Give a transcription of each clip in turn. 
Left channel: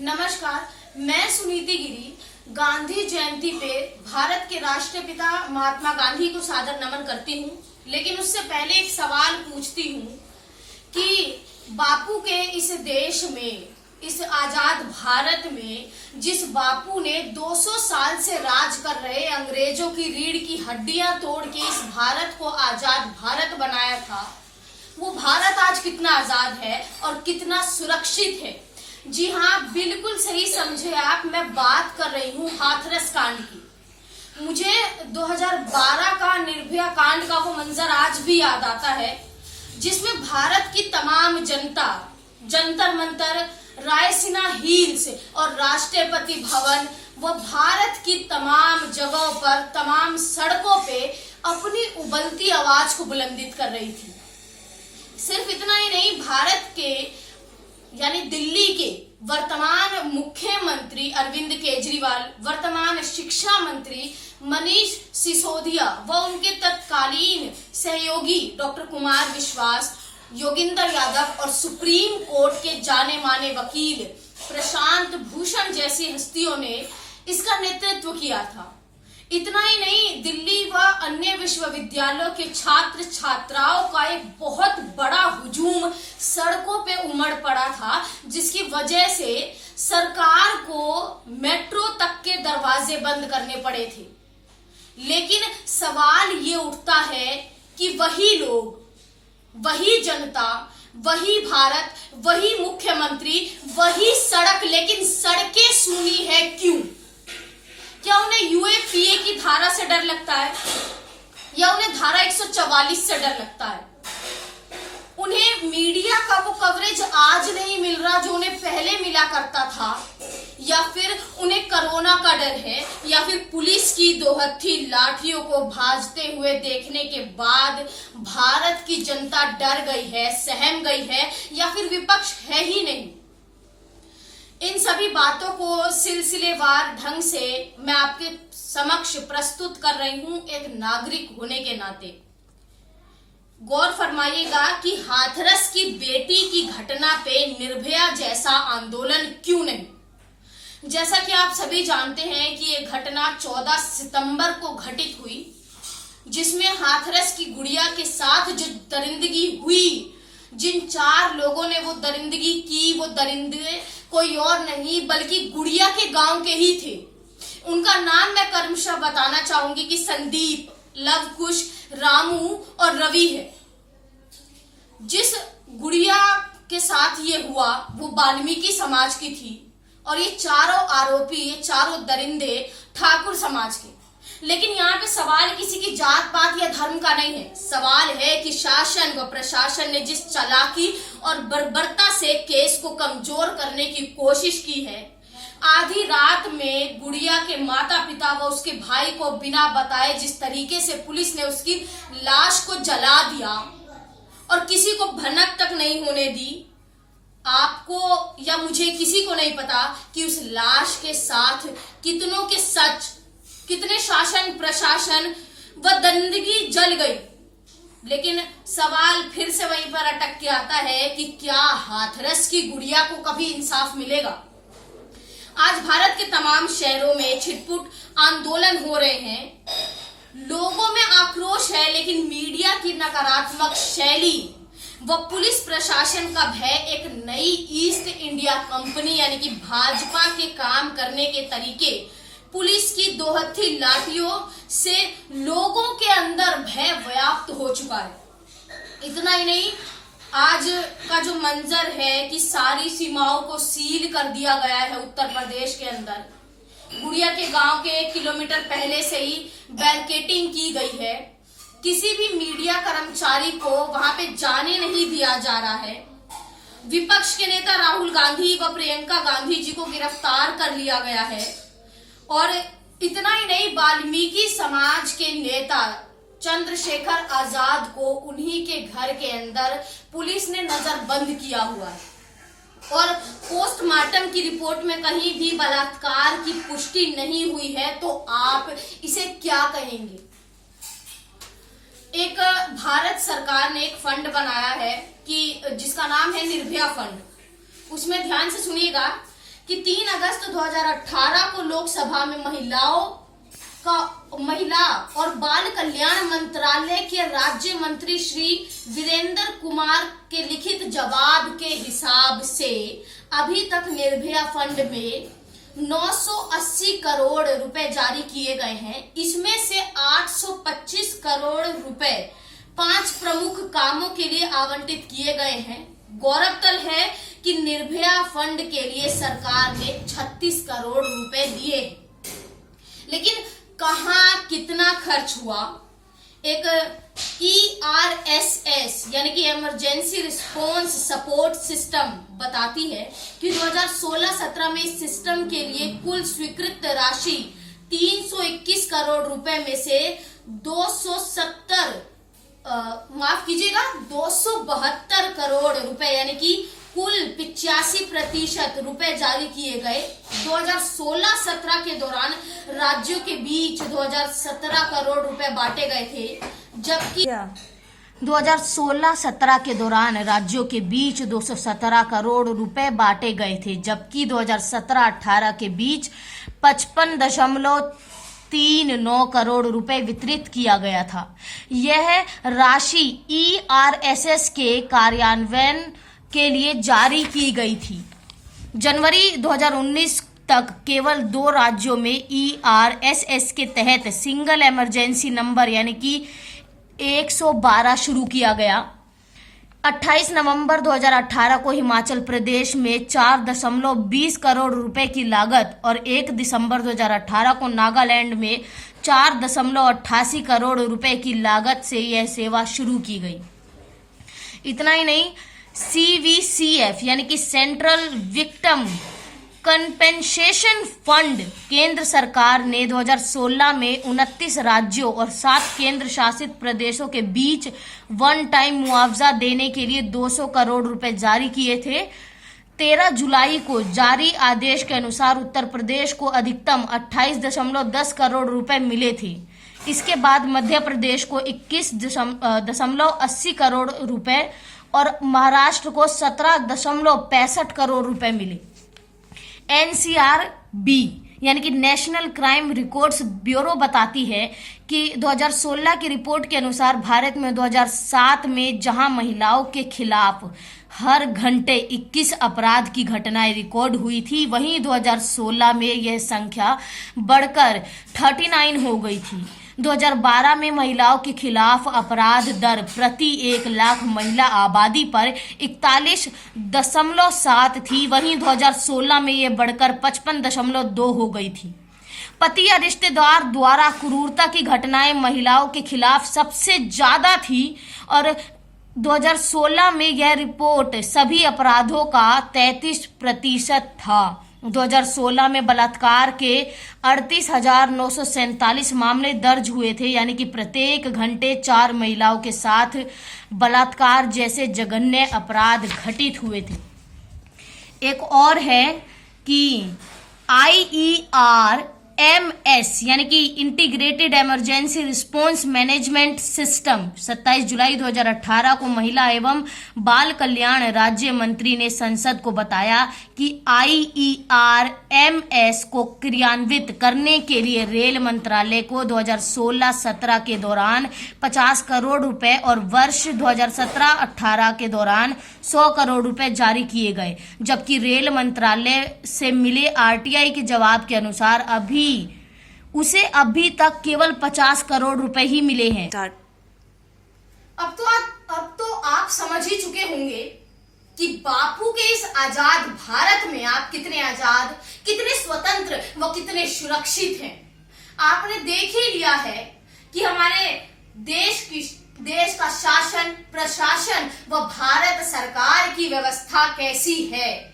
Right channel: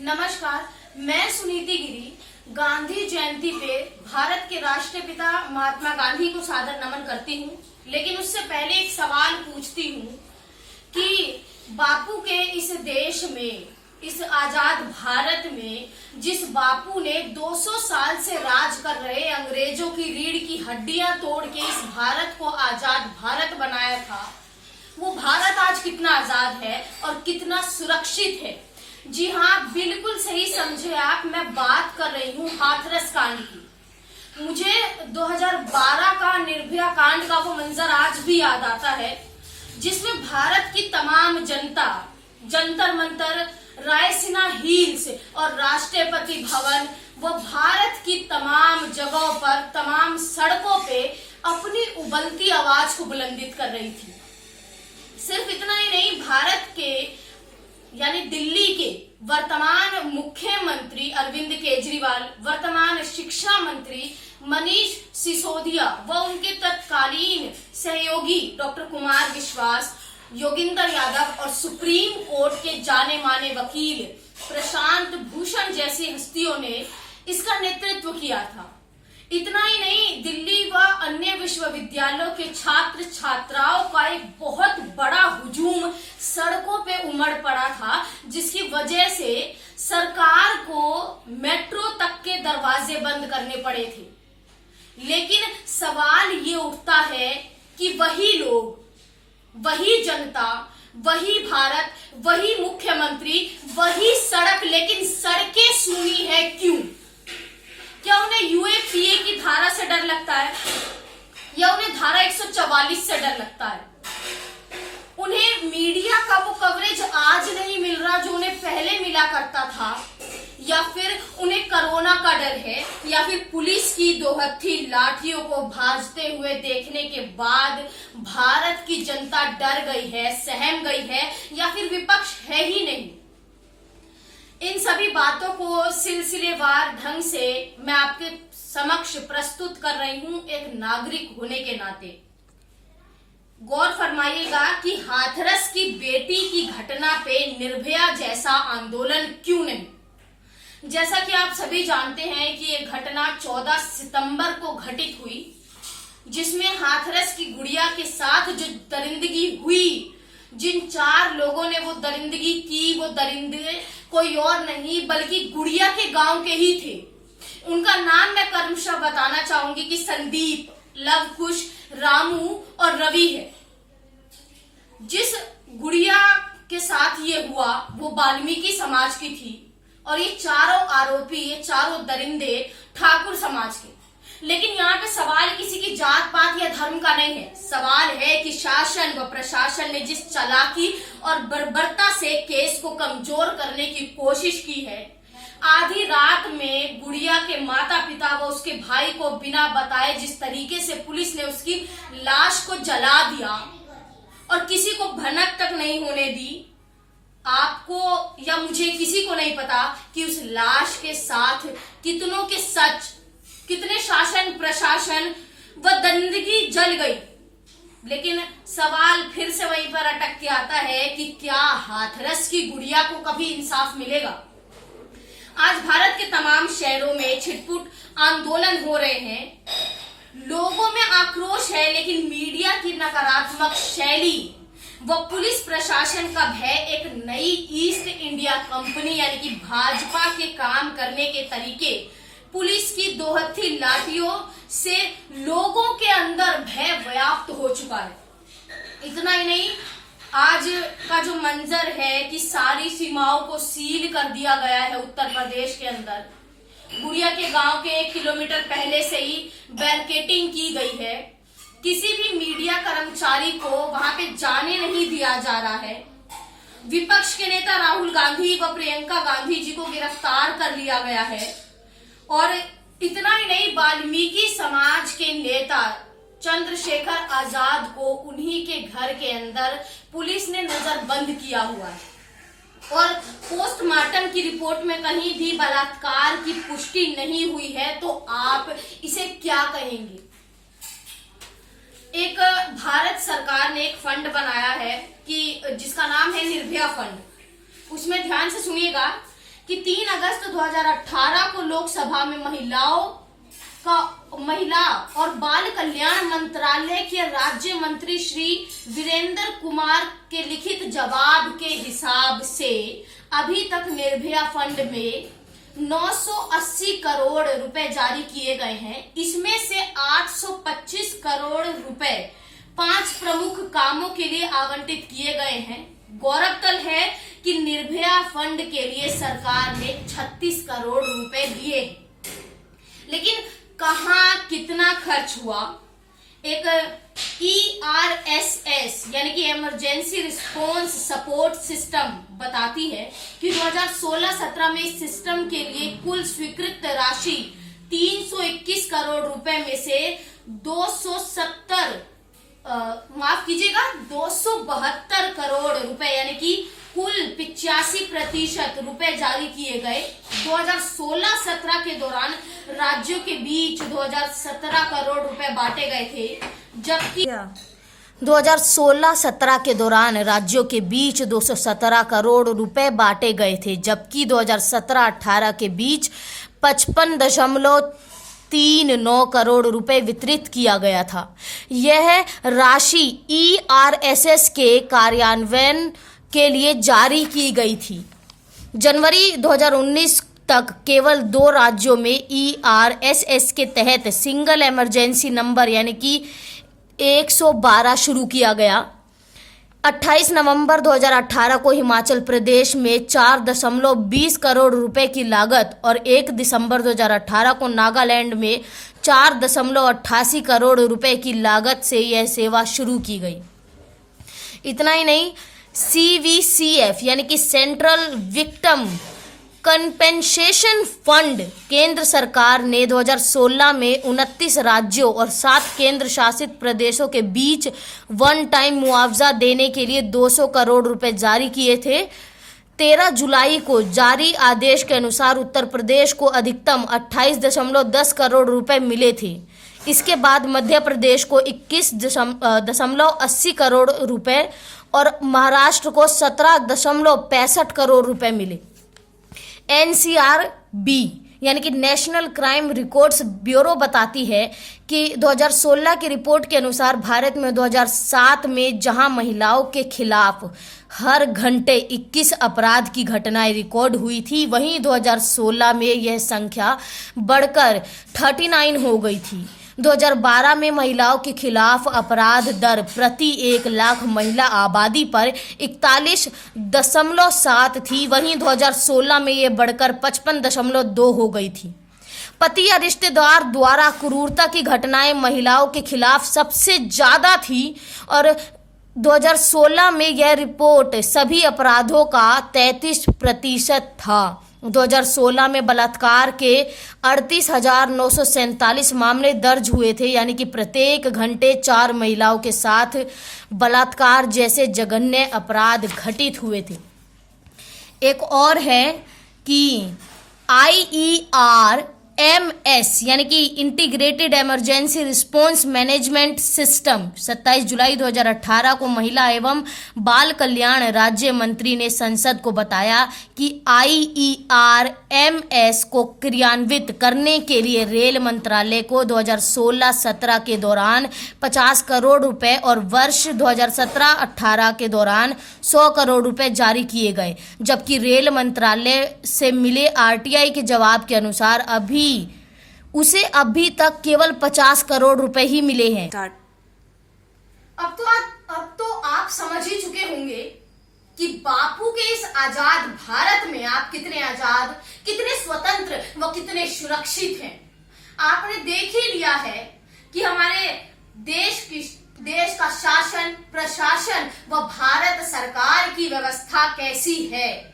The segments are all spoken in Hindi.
नमस्कार, मैं सुनीति गिरी गांधी जयंती पे भारत के राष्ट्रपिता महात्मा गांधी को सादर नमन करती हूँ। लेकिन उससे पहले एक सवाल पूछती हूँ कि बापू के इस देश में, इस आजाद भारत में, जिस बापू ने 200 साल से राज कर रहे अंग्रेजों की रीढ़ की हड्डियां तोड़ के इस भारत को आजाद भारत बनाया था, वो भारत आज कितना आजाद है और कितना सुरक्षित है। जी हाँ, बिल्कुल सही समझे आप, मैं बात कर रही हूँ हाथरस कांड की। मुझे 2012 का निर्भया कांड का वो मंजर आज भी याद आता है, जिसमें भारत की तमाम जनता जंतर मंतर, रायसीना हिल्स और राष्ट्रपति भवन व भारत की तमाम जगहों पर, तमाम सड़कों पे अपनी उबलती आवाज को बुलंदित कर रही थी। सिर्फ इतना ही नहीं, भारत के यानी दिल्ली के वर्तमान मुख्यमंत्री अरविंद केजरीवाल, वर्तमान शिक्षा मंत्री मनीष सिसोदिया व उनके तत्कालीन सहयोगी डॉक्टर कुमार विश्वास, योगेंद्र यादव और सुप्रीम कोर्ट के जाने माने वकील प्रशांत भूषण जैसी हस्तियों ने इसका नेतृत्व किया था। इतना ही नहीं, दिल्ली व अन्य विश्वविद्यालयों के छात्र छात्राओं का एक बहुत बड़ा हुजूम सड़कों पे उमड़ पड़ा था, जिसकी वजह से सरकार को मेट्रो तक के दरवाजे बंद करने पड़े थे। लेकिन सवाल ये उठता है कि वही लोग, वही जनता, वही भारत, वही मुख्यमंत्री, वही सड़क, लेकिन सड़कें सूनी है क्यों? क्या उन्हें यूएपीए की धारा से डर लगता है या उन्हें धारा 144 से डर लगता है? उन्हें मीडिया का वो कवरेज आज नहीं मिल रहा जो उन्हें पहले मिला करता था, या फिर उन्हें कोरोना का डर है, या फिर पुलिस की दो हत्थी लाठियों को भाजते हुए देखने के बाद भारत की जनता डर गई है, सहम गई है, या फिर विपक्ष है ही नहीं? इन सभी बातों को सिलसिलेवार ढंग से मैं आपके समक्ष प्रस्तुत कर रही हूं एक नागरिक होने के नाते। गौर फरमाइएगा कि हाथरस की बेटी की घटना पे निर्भया जैसा आंदोलन क्यों नहीं? जैसा कि आप सभी जानते हैं कि ये घटना 14 सितंबर को घटित हुई, जिसमें हाथरस की गुड़िया के साथ जो दरिंदगी हुई, जिन 4 लोगों ने वो दरिंदगी की, वो दरिंदे कोई और नहीं बल्कि गुड़िया के गांव के ही थे। उनका नाम मैं क्रमशः बताना चाहूंगी कि संदीप, लवकुश, रामू और रवि है। जिस गुड़िया के साथ ये हुआ वो वाल्मीकि समाज की थी और ये चारों आरोपी, ये चारों दरिंदे ठाकुर समाज के। लेकिन यहाँ पे सवाल किसी की जात पात या धर्म का नहीं है। सवाल है कि शासन व प्रशासन ने जिस चालाकी और बर्बरता से केस को कमजोर करने की कोशिश की है। आधी रात में गुड़िया के माता पिता व उसके भाई को बिना बताए जिस तरीके से पुलिस ने उसकी लाश को जला दिया और किसी को भनक तक नहीं होने दी, आपको या मुझे किसी को नहीं पता कि उस लाश के साथ कितनों के सच, कितने शासन प्रशासन व दरिंदगी जल गई। लेकिन सवाल फिर से वहीं पर अटक के आता है कि क्या हाथरस की गुड़िया को कभी इंसाफ मिलेगा? आज भारत के तमाम शहरों में छिटपुट आंदोलन हो रहे हैं, लोगों में आक्रोश है, लेकिन मीडिया की नकारात्मक शैली व पुलिस प्रशासन का भय एक नई ईस्ट इंडिया कंपनी यानी कि भाजपा के काम करने के तरीके, पुलिस की दो हत्थी लाठियों से लोगों के अंदर भय व्याप्त हो चुका है। इतना ही नहीं, आज का जो मंजर है कि सारी सीमाओं को सील कर दिया गया है उत्तर प्रदेश के अंदर। गुड़िया के गांव के 1 किलोमीटर पहले से ही बैरिकेडिंग की गई है। किसी भी मीडिया कर्मचारी को वहां पे जाने नहीं दिया जा रहा है। विपक्ष के नेता राहुल गांधी व प्रियंका गांधी जी को गिरफ्तार कर लिया गया है। और इतना ही नहीं, वाल्मीकि समाज के नेता चंद्रशेखर आजाद को उन्हीं के घर के अंदर पुलिस ने नजरबंद किया हुआ है और पोस्टमार्टम की रिपोर्ट में कहीं भी बलात्कार की पुष्टि नहीं हुई है। तो आप इसे क्या कहेंगे? एक भारत सरकार ने एक फंड बनाया है कि जिसका नाम है निर्भया फंड। उसमें ध्यान से सुनिएगा कि 3 अगस्त 2018 को लोकसभा में महिला और बाल कल्याण मंत्रालय के राज्य मंत्री श्री वीरेंद्र कुमार के लिखित जवाब के हिसाब से अभी तक निर्भया फंड में 980 करोड़ रुपए जारी किए गए हैं। इसमें से 825 करोड़ रुपए 5 प्रमुख कामों के लिए आवंटित किए गए हैं। गौरतलब है कि निर्भया फंड के लिए सरकार ने 36 करोड़ रुपए दिए, लेकिन कहां कितना खर्च हुआ? एक ERSS यानी कि इमरजेंसी रिस्पॉन्स सपोर्ट सिस्टम बताती है कि 2016-17 में इस सिस्टम के लिए कुल स्वीकृत राशि 321 करोड़ रुपए में से 272 करोड़ रुपए यानी कि कुल 85% रुपए जारी किए गए। 2016-17 के दौरान राज्यों के बीच 2017 करोड़ रुपए बांटे गए थे, जबकि 2016-17 के दौरान राज्यों के बीच 217 करोड़ रुपए बांटे गए थे, जबकि 2017-18 के बीच 55.39 करोड़ रुपए वितरित किया गया था। यह राशि ERSS के कार्यान्वयन के लिए जारी की गई थी। जनवरी 2019 तक केवल 2 राज्यों में ERSS के तहत सिंगल इमरजेंसी नंबर यानी कि 112 शुरू किया गया। 28 नवंबर 2018 को हिमाचल प्रदेश में 4.20 करोड़ रुपए की लागत और 1 दिसंबर 2018 को नागालैंड में 4.88 करोड़ रुपए की लागत से यह सेवा शुरू की गई। इतना ही नहीं, CVCF यानी कि सेंट्रल विक्टिम कंपेंसेशन फंड केंद्र सरकार ने 2016 में 29 राज्यों और 7 केंद्र शासित प्रदेशों के बीच वन टाइम मुआवजा देने के लिए 200 करोड़ रुपए जारी किए थे। 13 जुलाई को जारी आदेश के अनुसार उत्तर प्रदेश को अधिकतम 28.10 करोड़ रुपए मिले थे। इसके बाद मध्य प्रदेश को 21.80 करोड़ रुपए और महाराष्ट्र को 17.65 करोड़ रुपए मिले। NCRB यानी कि नेशनल क्राइम रिकॉर्ड्स ब्यूरो बताती है कि 2016 की रिपोर्ट के अनुसार भारत में 2007 में जहां महिलाओं के खिलाफ हर घंटे 21 अपराध की घटनाएं रिकॉर्ड हुई थी, वहीं 2016 में यह संख्या बढ़कर 39 हो गई थी। 2012 में महिलाओं के खिलाफ अपराध दर प्रति 1 लाख महिला आबादी पर 41.7 थी, वहीं 2016 में यह बढ़कर 55.2 हो गई थी। पति या रिश्तेदार द्वारा क्रूरता की घटनाएं महिलाओं के खिलाफ सबसे ज्यादा थी और 2016 में यह रिपोर्ट सभी अपराधों का 33% था। 2016 में बलात्कार के 38,947 मामले दर्ज हुए थे, यानी कि प्रत्येक घंटे 4 महिलाओं के साथ बलात्कार जैसे जघन्य अपराध घटित हुए थे। एक और है कि IERMS यानी कि integrated emergency response management system 27 जुलाई 2018 को महिला एवं बाल कल्याण राज्य मंत्री ने संसद को बताया कि IERMS को क्रियान्वित करने के लिए रेल मंत्रालय को 2016-17 के दौरान 50 करोड़ रुपए और वर्ष 2017-18 के दौरान 100 करोड़ रुपए जारी किए गए, जबकि रेल मंत्रालय से मिले RTI के जवाब के अनुसार उसे अभी तक केवल 50 करोड़ रुपए ही मिले हैं। अब तो आप समझ ही चुके होंगे कि बापू के इस आजाद भारत में आप कितने आजाद, कितने स्वतंत्र व कितने सुरक्षित हैं। आपने देख ही लिया है कि हमारे देश का शासन, प्रशासन व भारत सरकार की व्यवस्था कैसी है।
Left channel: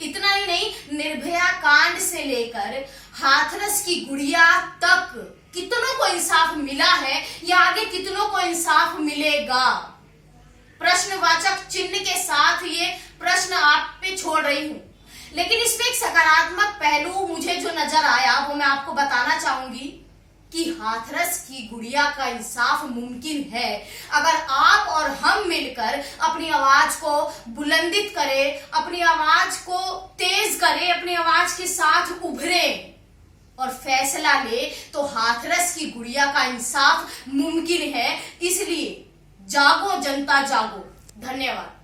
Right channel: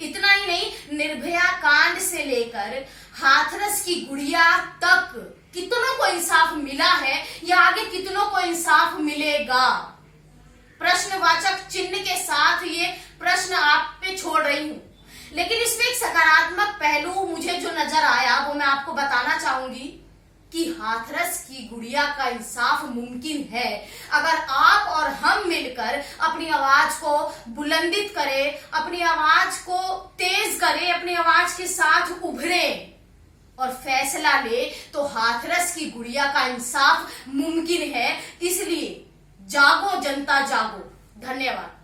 इतना ही नहीं, निर्भया कांड से लेकर हाथरस की गुड़िया तक कितनों को इंसाफ मिला है या आगे कितनों को इंसाफ मिलेगा। प्रश्नवाचक चिन्ह के साथ ये प्रश्न आप पे छोड़ रही हूं, लेकिन इसमें एक सकारात्मक पहलू मुझे जो नजर आया वो मैं आपको बताना चाहूंगी कि हाथरस की गुड़िया का इंसाफ मुमकिन है अगर आप और हम मिलकर अपनी आवाज को बुलंदित करें, अपनी आवाज को तेज करें, अपनी आवाज के साथ उभरे और फैसला ले, तो हाथरस की गुड़िया का इंसाफ मुमकिन है। इसलिए जागो जनता जागो। धन्यवाद।